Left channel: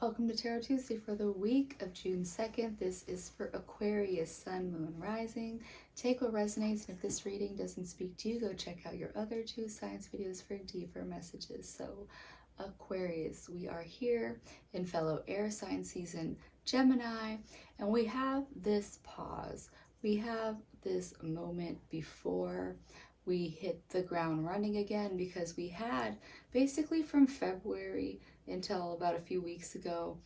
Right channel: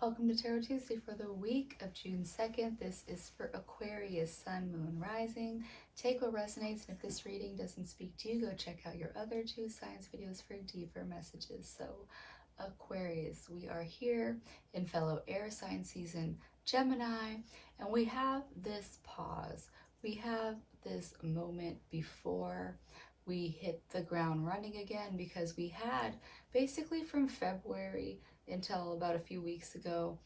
Welcome to Tarot Tuesday for the week of June 2nd. This is for Aquarius, Sun, Moon, Rising. Take what resonates, and if this reading doesn't speak to you, go check out your other two signs videos for deeper messages. So, Aquarius, we are here in fellow air sign season, Gemini, and we have this pause. We have this moment before we hit the ground running again, because we had basically from February until about a few weeks ago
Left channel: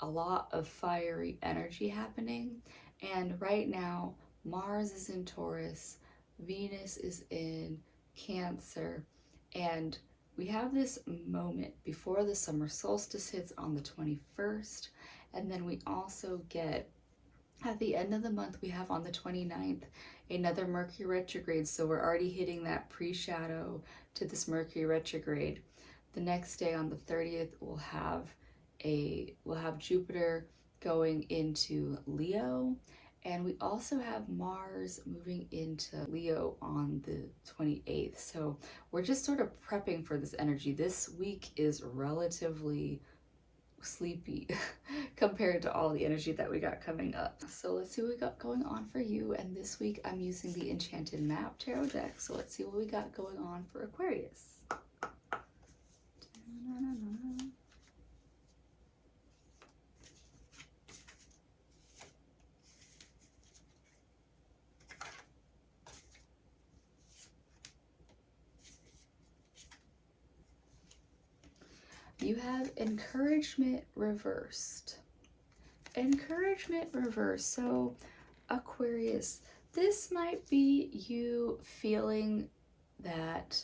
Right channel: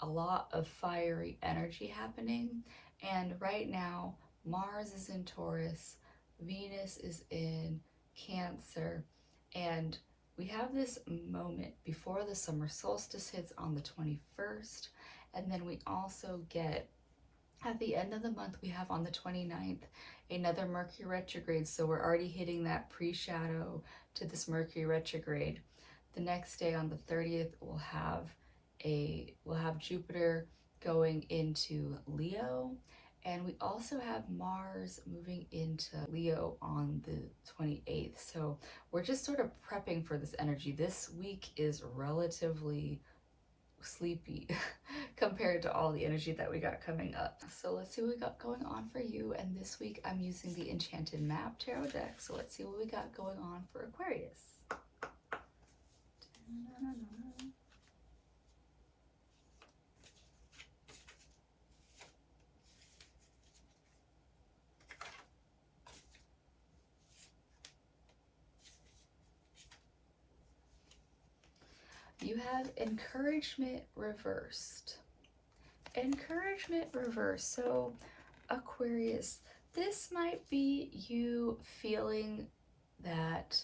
a lot of fiery energy happening, and right now Mars is in Taurus, Venus is in Cancer, and we have this moment before the summer solstice hits on the 21st, and then we also get at the end of the month, we have on the 29th another Mercury retrograde, so we're already hitting that pre-shadow to this Mercury retrograde. The next day on the 30th, we'll have Jupiter going into Leo, and we also have Mars moving into Leo on the 28th. So we're just sort of prepping for this energy. This week is relatively sleepy compared to all the energy that we got coming up. So let's see what we got going on for you. And this week I'm using the Enchanted Map Tarot deck. So let's see what we got going on for Aquarius. You have encouragement reversed. Encouragement reversed. So Aquarius, this might be you feeling that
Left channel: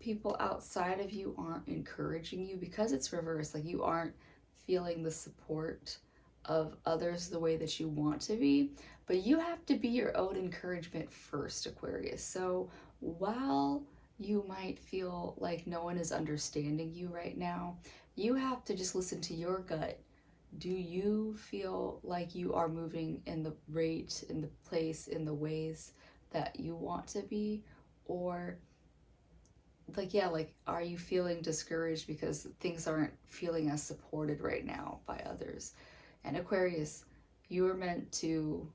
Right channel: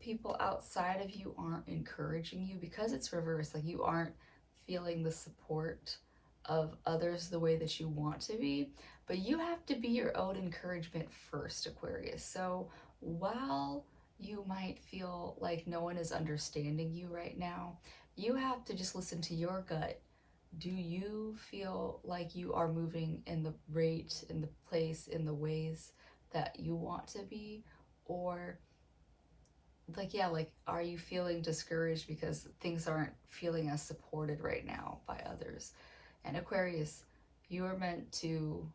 people outside of you aren't encouraging you because it's reversed. Like you aren't feeling the support of others the way that you want to be, but you have to be your own encouragement first, Aquarius. So while you might feel like no one is understanding you right now, you have to just listen to your gut. Do you feel like you are moving in the rate, in the place, in the ways that you want to be? Or are you feeling discouraged because things aren't feeling as supported right now by others? And Aquarius, you are meant to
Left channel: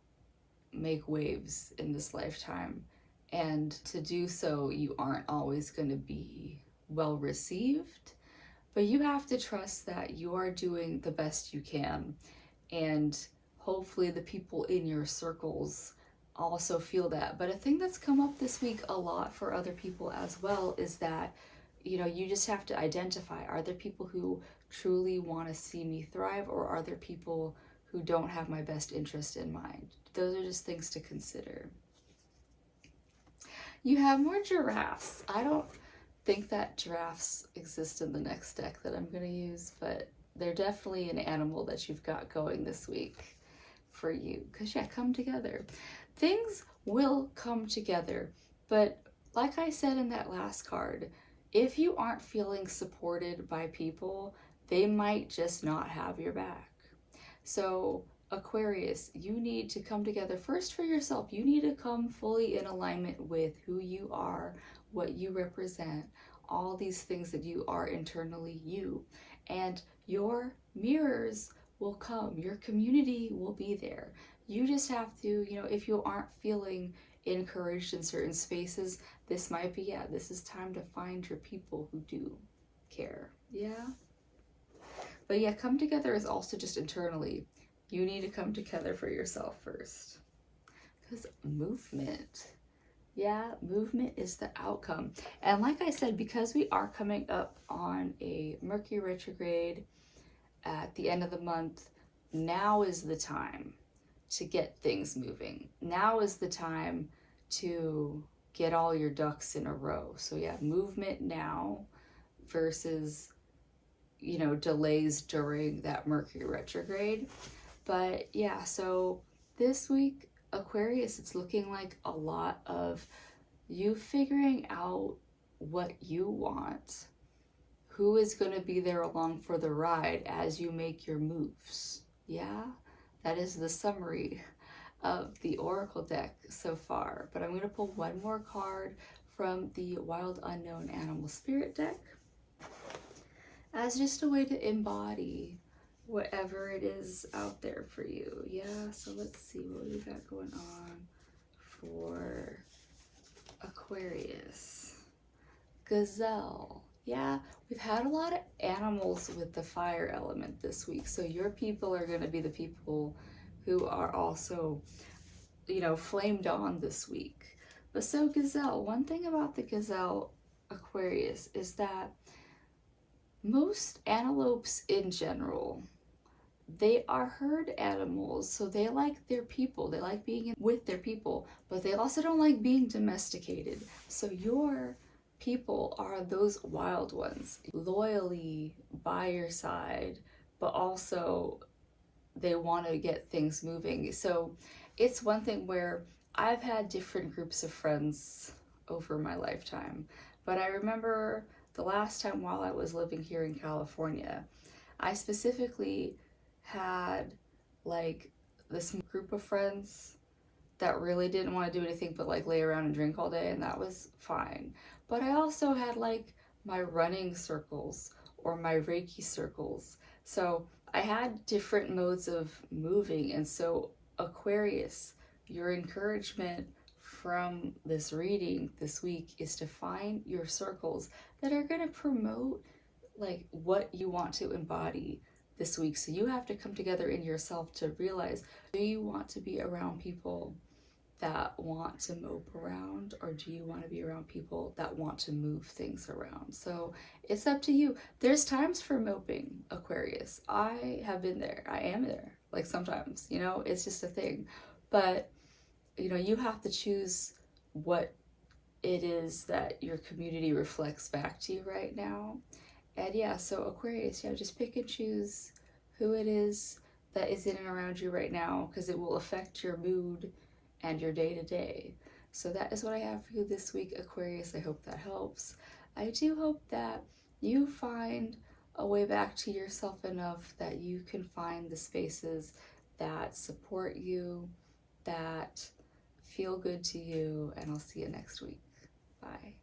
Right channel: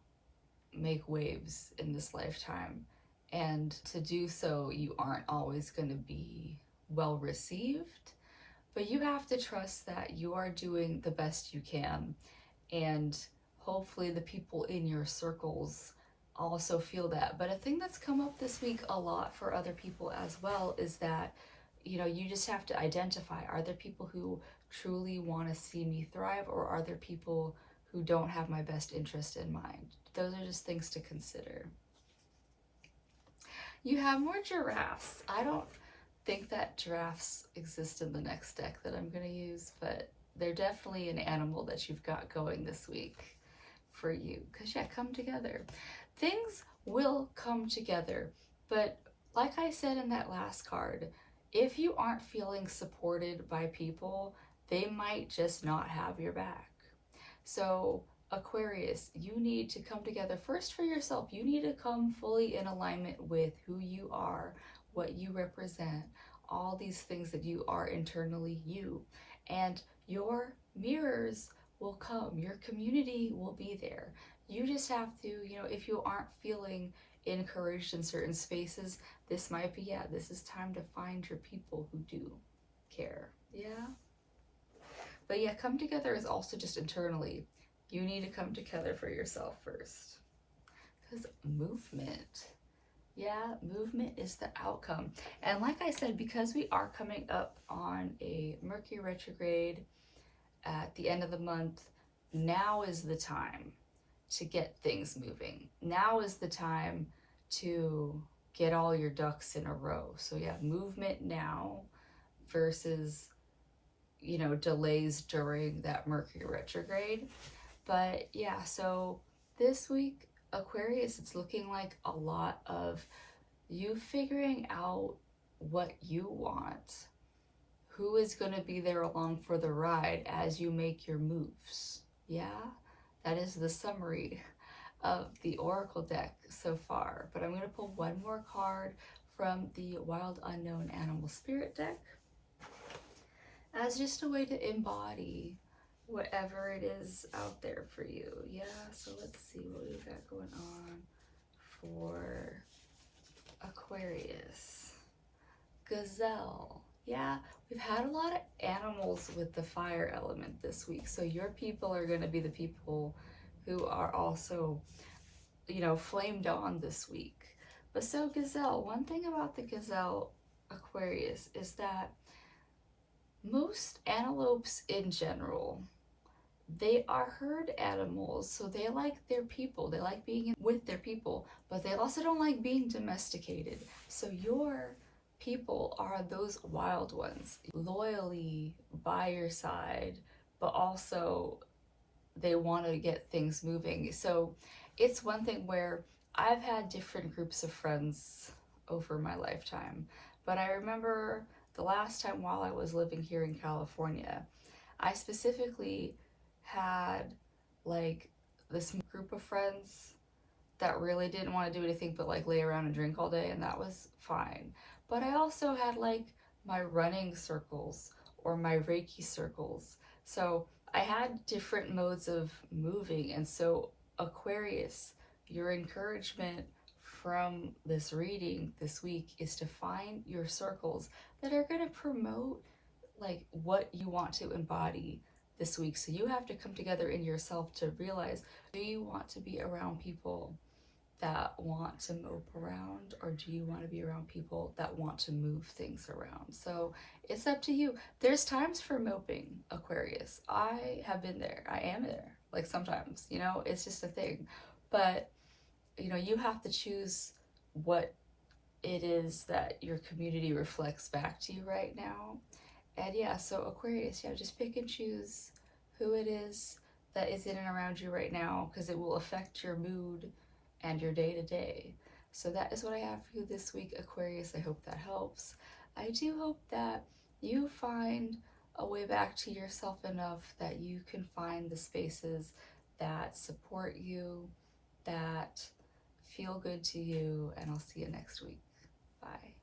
make waves in this lifetime, and to do so you aren't always going to be well received, but you have to trust that you are doing the best you can, and hopefully the people in your circles also feel that. But a thing that's come up this week a lot for other people as well is that, you just have to identify, are there people who truly want to see me thrive, or are there people who don't have my best interest in mind? Those are just things to consider. You have more giraffes. I don't think that giraffes exist in the next deck that I'm going to use, but they're definitely an animal that you've got going this week for you. Because come together. Things will come together, but like I said in that last card, if you aren't feeling supported by people, they might just not have your back. So Aquarius, you need to come together first for yourself. You need to come fully in alignment with who you are, what you represent, all these things that you are internally, you. And your mirrors will come. Your community will be there. You just have to, if you aren't feeling encouraged in certain spaces, this might be, this is time to find your people who do care. But come together is also just internally. You need to come together for yourself first. Because movement. Movement is the outcome. And like I said, because we are coming up on a Mercury retrograde at the end of the month, now is the time to get things moving. Now is the time to get all your ducks in a row. So movement now versus, delays during that Mercury retrograde. But so this week, Aquarius, it's looking like a lot of you figuring out what you want, who is going to be there along for the ride as you make your moves. That is the summary of the Oracle deck so far. But I'm going to pull one more card from the Wild Unknown Animal Spirit deck as just a way to embody whatever it is out there for you. Yeah, so let's see what we got going on for Aquarius. Gazelle. Yeah, we've had a lot of animals with the fire element this week. So your people are going to be the people who are also, you know, flamed on this week. But so Gazelle, one thing about the Gazelle Aquarius is that most antelopes in general, they are herd animals, so they like their people, they like being with their people, but they also don't like being domesticated. So your people are those wild ones, loyally by your side, but also they want to get things moving. So it's one thing where I've had different groups of friends over my lifetime, but I remember the last time while I was living here in California, I specifically had like this group of friends that really didn't want to do anything but like lay around and drink all day, and that was fine. But I also had like my running circles or my Reiki circles. So I had different modes of moving, and so Aquarius, your encouragement from this reading this week is to find your circles that are going to promote like what you want to embody this week. So you have to come together in yourself to realize, do you want to be around people that want to mope around, or do you want to be around people that want to move things around? So it's up to you. There's times for moping, Aquarius. I have been there. I am there. Like sometimes, you know, it's just a thing. But, you know, you have to choose what it is that your community reflects back to you right now. And yeah, so Aquarius, yeah, just pick and choose who it is that is in and around you right now, because it will affect your mood and your day-to-day. So that is what I have for you this week, Aquarius. I hope that helps. I do hope that you find a way back to yourself enough that you can find the spaces that support you, that feel good to you, and I'll see you next week. Bye.